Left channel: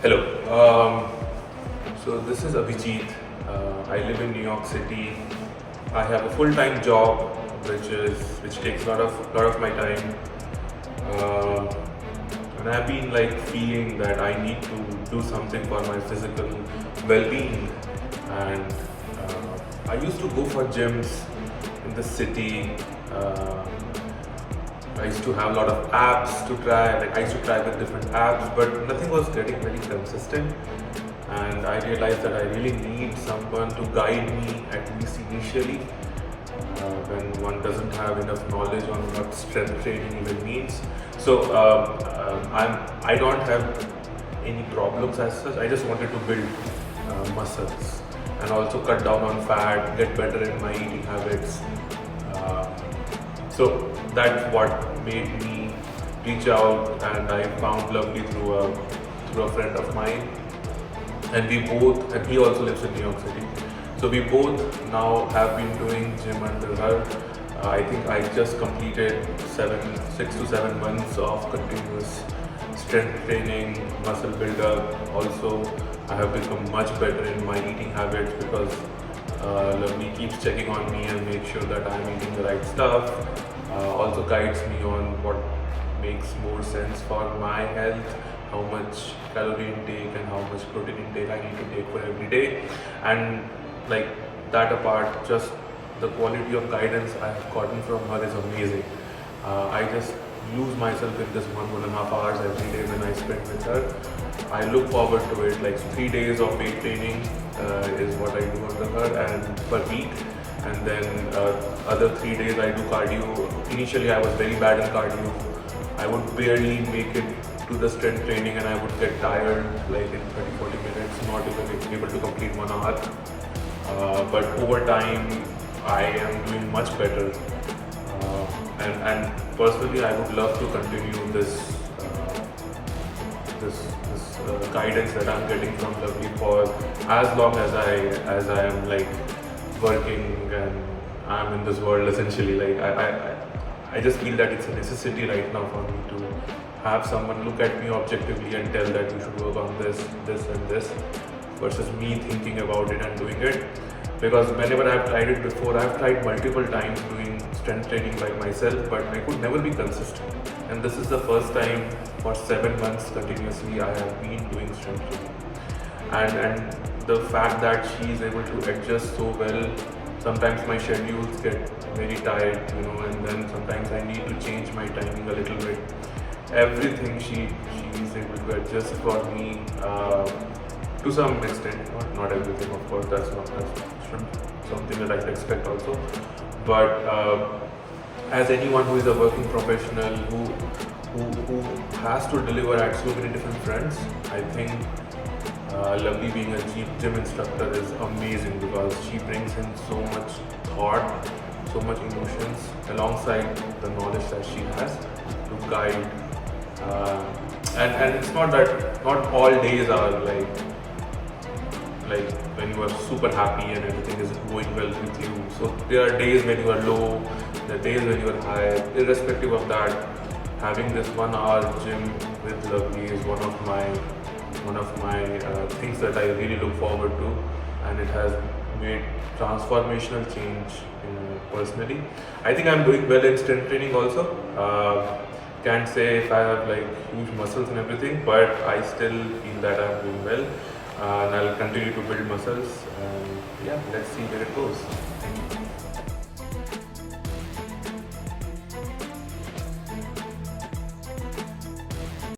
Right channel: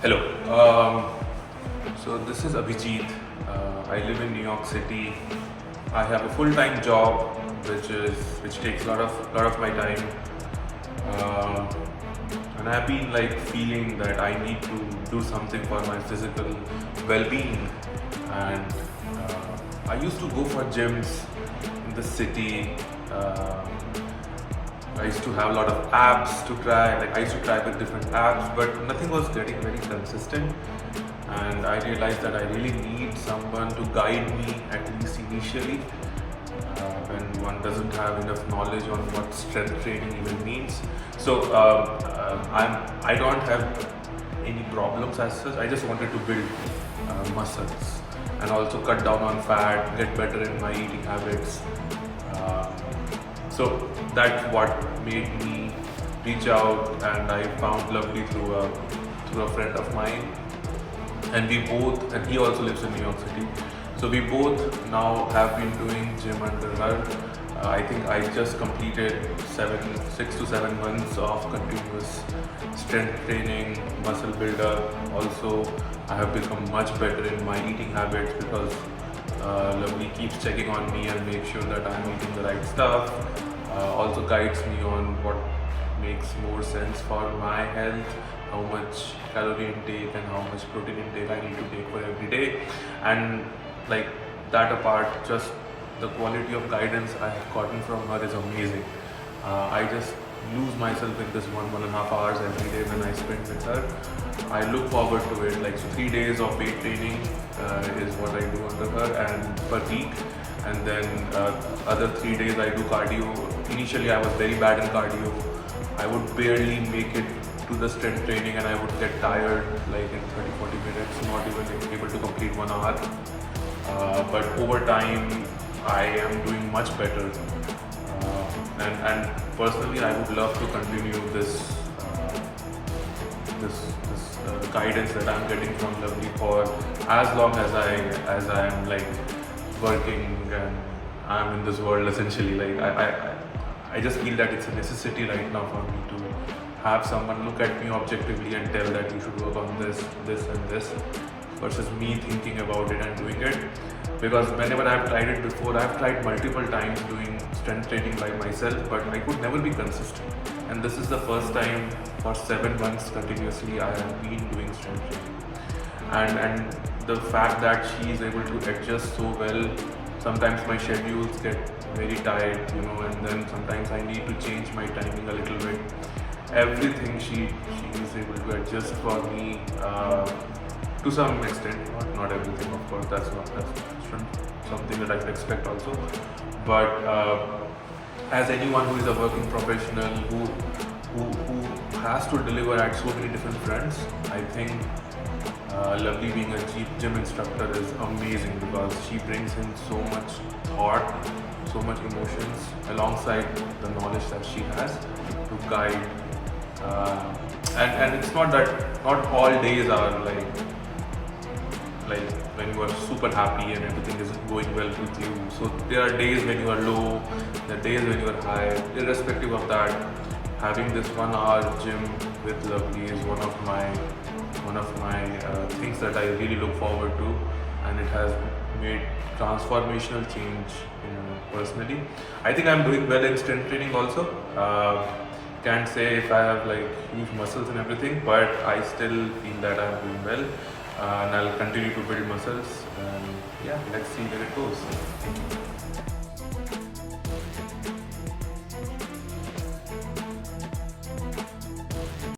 Hello. So this is Abhijit. I live in New York City. I have a full-time job, which takes a lot of my time. Um, and I've been like feeling that I need to do something for my physical well-being. And I used to go for gyms in the city. Uh, I used to have a lot of apps to try. Like I used to try the different apps, but nothing was getting very consistent. And I realized that I really need someone to guide me, at least initially, when one doesn't have enough knowledge on what strength training even means. So I don't have any problems as such. I just wanted to build muscles and also cut down on fat, get better in my eating habits. Uh, so that's what made me reach out, and I found Lovely through a friend of mine. And he also lives in New York City. So we both now have been doing gym under her. I think I just completed 6 to 7 months of continuous strength training, muscle builder. Also, I have become much better in my eating habits because Lovely keeps checking on me and make sure that I'm eating the right stuff. Also guides me on what makes more sense for my health, how much calorie intake and how much protein intake I need to take for every day. And like that apart, just the quality of guidance I have gotten from her is amazing. I just lose myself in this 1.5 hours every day when I spend with her. I look forward to it. Like 3 days of weight training is what I do under her and per week. And then other 3 days I do cardio. Initially I was very bad in cardio. I would barely make it to the strength training and I would get tired like in 30-40 minutes, not even able to complete 1 hour. But over time, I am doing much better. And personally, I would love to continue this guidance that I'm getting from Lovely for as long as I am like working and I'm in this world essentially. Like I just feel that it's a necessity right now for me to have someone look at me objectively and tell that you should work on this, and this, versus me thinking about it and doing it. Because whenever I've tried it before, I've tried multiple times doing strength training by myself, but I could never be consistent. And this is the first time for 7 months continuously I have been doing strength training. And the fact that she is able to adjust so well, sometimes my schedules get very tight, and then sometimes I need to change my timing a little bit. Everything she is able to adjust for me to some extent, not everything, of course. That's something that I can expect also. But as anyone who is a working professional who has to deliver at so many different fronts, I think Lovely being a gym instructor is amazing because she brings in so much thought, so much emotions alongside the knowledge that she has to guide. And it's not that not all days are like when you are super happy and everything is going well with you. So there are days when you are low, there are days when you are high. Irrespective of that, having this 1 hour gym with Lovely is one of my things that I really look forward to, and it has made transformational change personally. I think I'm doing well in strength training also. Can't say if I have like huge muscles and everything, but I still feel that I'm doing well, and I'll continue to build muscles. Yeah, let's see where it goes.